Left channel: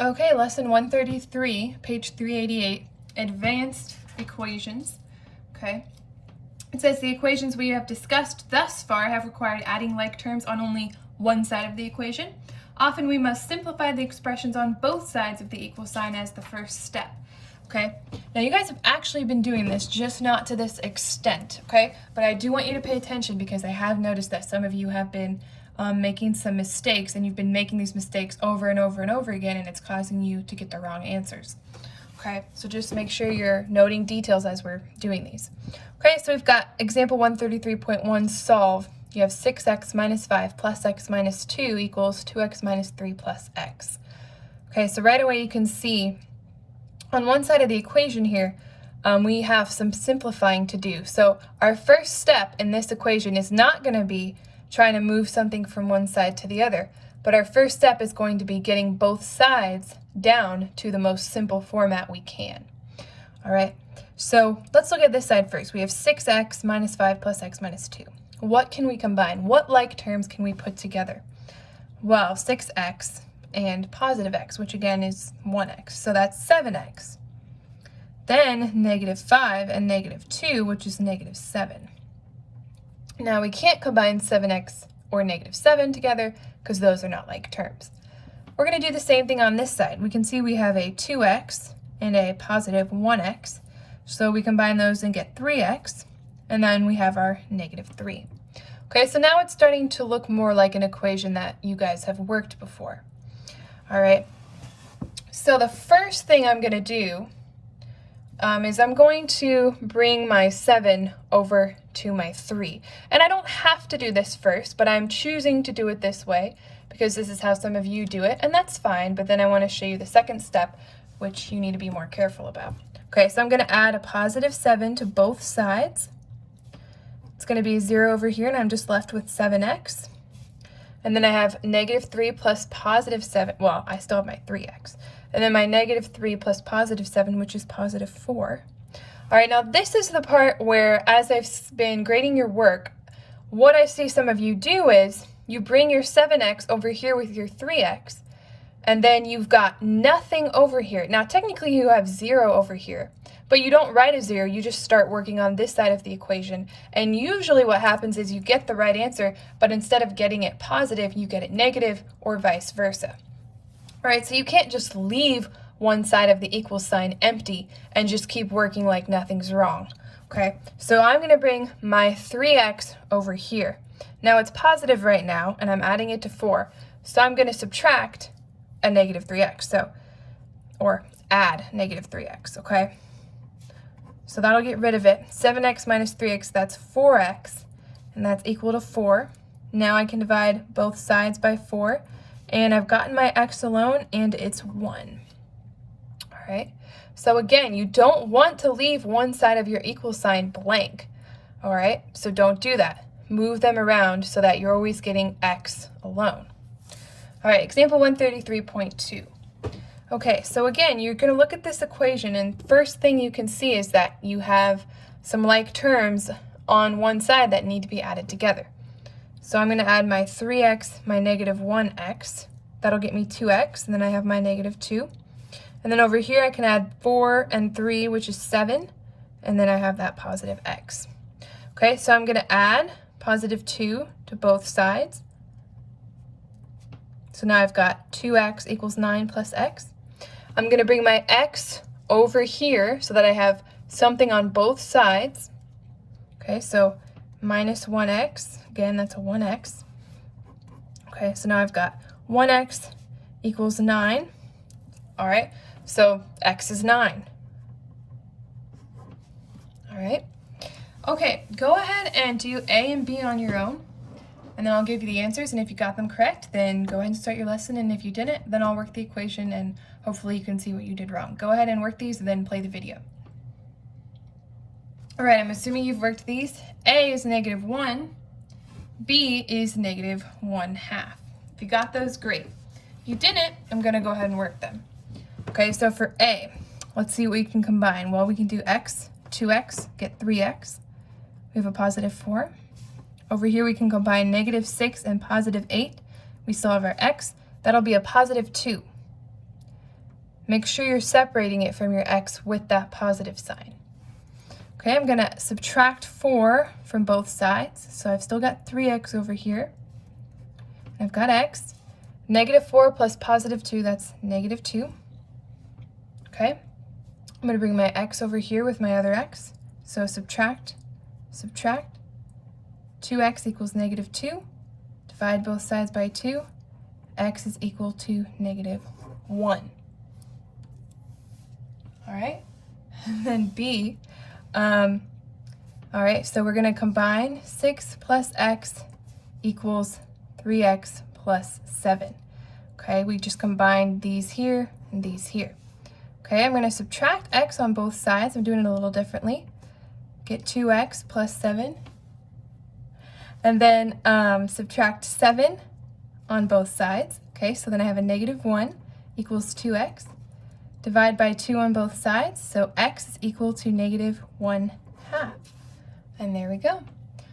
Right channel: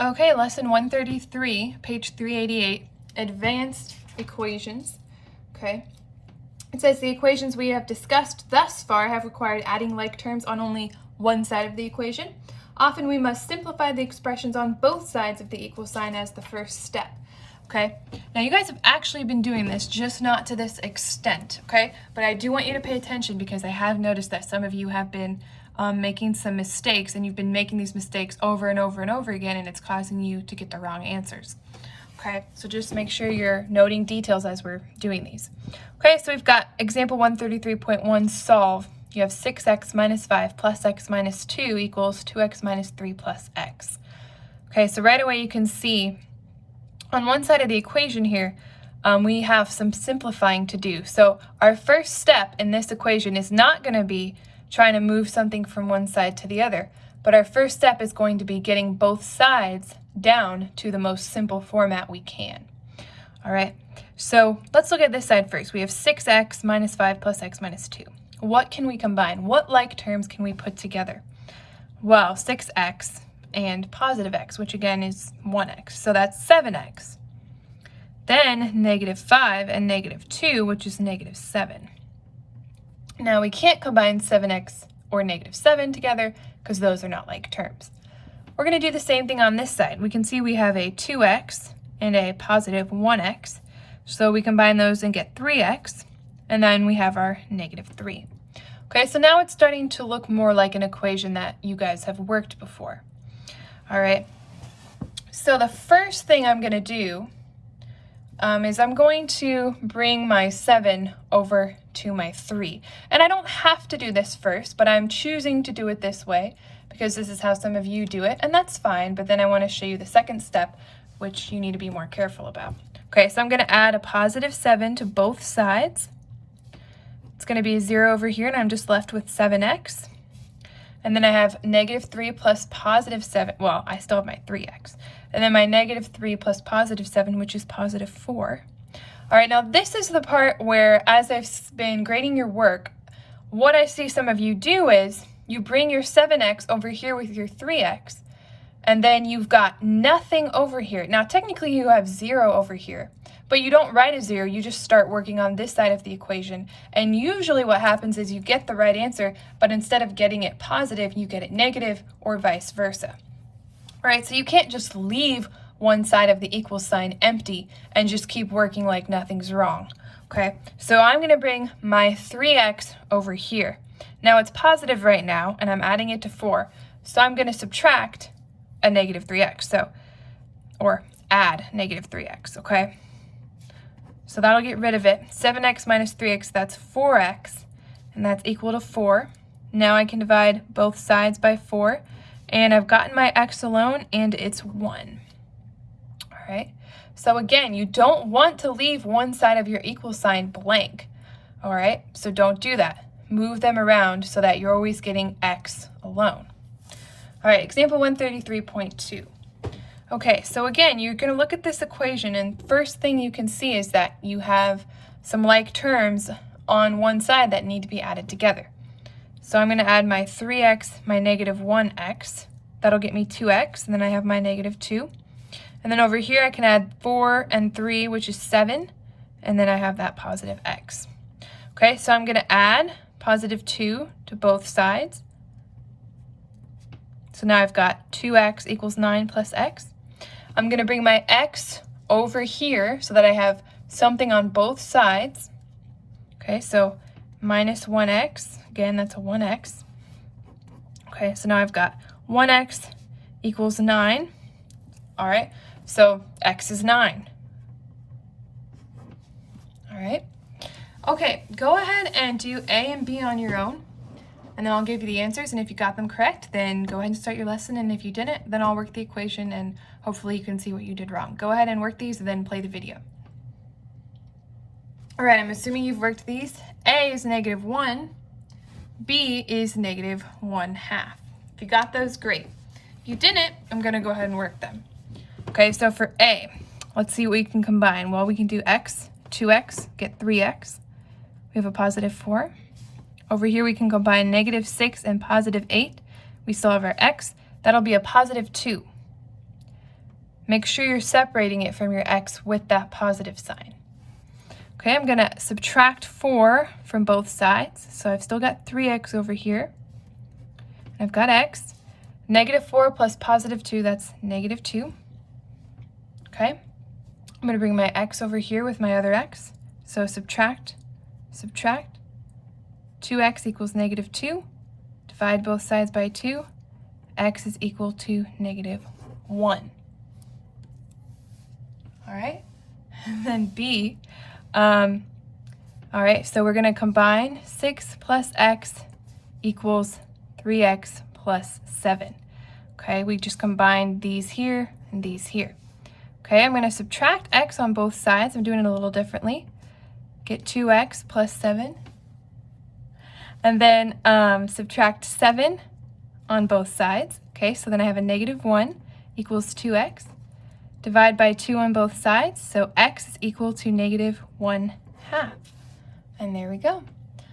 Okay, lesson 133, page 388, advanced equations. Okay, it says the equations we have discussed thus far have required adding like terms on only one side of the equation. Often we must simplify the expressions on both sides of the equal sign as the first step. Okay, now you guys have actually been doing this, just not to this extent, okay? But I do want you to pay attention because I have noticed that some of you have been making some mistakes, and you've been making these mistakes over and over and over again, and it's causing you to get the wrong answers. Okay, so just make sure you're noting details as we're doing these. Okay, so we've got example 133.1, solve. You have 6x minus 5 plus x minus 2 equals 2x minus 3 plus x. Okay, so right away you can see on one side of the equation here, we have some simplifying to do. So our first step in this equation is not going to be trying to move something from one side to the other, but our first step is going to be getting both sides down to the most simple format we can. All right, so let's look at this side first. We have 6x minus 5 plus x minus 2. What can we combine? What like terms can we put together? Well, 6x and positive x, which again is 1x, so that's 7x. Then negative 5 and negative 2, which is negative 7. Now we can't combine 7x or negative 7 together because those are not like terms. We're going to do the same thing on this side. We can see we have a 2x and a positive 1x, so we combine those and get 3x, and then we have our negative 3. Okay, so now it's starting to look more like an equation that you guys have worked before. All right, so the first thing I'm going to do is I'm going to bring my 7 over to my 3. And I don't have to do this first, but I'm choosing to do it this way because this is how some of you do it, and that's fine, but then I want to show you the second step, which you need to be more careful about. Okay, so I'm going to add a positive 7 to both sides. It's going to be 0 over here, and I'm just left with 7x. And then I have negative 3 plus positive 7. Well, I still have my 3x. And then my negative 3 plus positive 7, which is positive 4. All right, now this is the part where, as I've been grading your work, what I see some of you do is you bring your 7x over here with your 3x, and then you've got nothing over here. Now, technically you have 0 over here, but you don't write a 0, you just start working on this side of the equation. And usually what happens is you get the right answer, but instead of getting it positive, you get it negative, or vice versa. All right, so you can't just leave one side of the equal sign empty and just keep working like nothing's wrong. Okay, so I'm going to bring my 3x over here. Now it's positive right now, and I'm adding it to 4, so I'm going to subtract a negative 3x, or add negative 3x, okay? So that'll get rid of it. 7x minus 3x, that's 4x, and that's equal to 4. Now I can divide both sides by 4, and I've gotten my x alone, and it's 1. All right, so again, you don't want to leave one side of your equal sign blank. All right, so don't do that. Move them around so that you're always getting x alone. All right, example 133.2. Okay, so again, you're going to look at this equation, and first thing you can see is that you have some like terms on one side that need to be added together. So I'm going to add my 3x, my negative 1x. That'll get me 2x, and then I have my negative 2. And then over here I can add 4 and 3, which is 7, and then I have that positive x. Okay, so I'm going to add positive 2 to both sides. So now I've got 2x equals 9 plus x. I'm going to bring my x over here so that I have something on both sides. Okay, so minus 1x. Again, that's a 1x. Okay, so now I've got 1x equals 9. All right, so x is 9. All right. Okay, go ahead and do A and B on your own, and then I'll give you the answers, and if you got them correct, then go ahead and start your lesson, and if you didn't, then I'll work the equation, and hopefully you can see what you did wrong. Go ahead and work these, and then play the video. All right, I'm assuming you've worked these. A is negative 1. B is negative 1/2. If you got those, great. If you didn't, I'm going to go ahead and work them. Okay, so for A, let's see what we can combine. Well, we can do x, 2x, get 3x. We have a positive 4. Over here, we can combine negative 6 and positive 8. We still have our x. That'll be a positive 2. Make sure you're separating it from your x with that positive sign. Okay, I'm going to subtract 4 from both sides. So I've still got 3x over here. I've got x. Negative 4 plus positive 2, that's negative 2. Okay, I'm going to bring my x over here with my other x. So subtract, subtract. 2x equals negative 2. Divide both sides by 2. X is equal to negative 1. All right, and then b. All right, so we're going to combine 6 plus x equals 3x plus 7. Okay, we just combined these here and these here. Okay, I'm going to subtract x on both sides. I'm doing it a little differently. Get 2x plus 7. And then subtract 7 on both sides. Okay, so then I have a negative 1 equals 2x. Divide by 2 on both sides, so x is equal to negative 1/2. And there we go.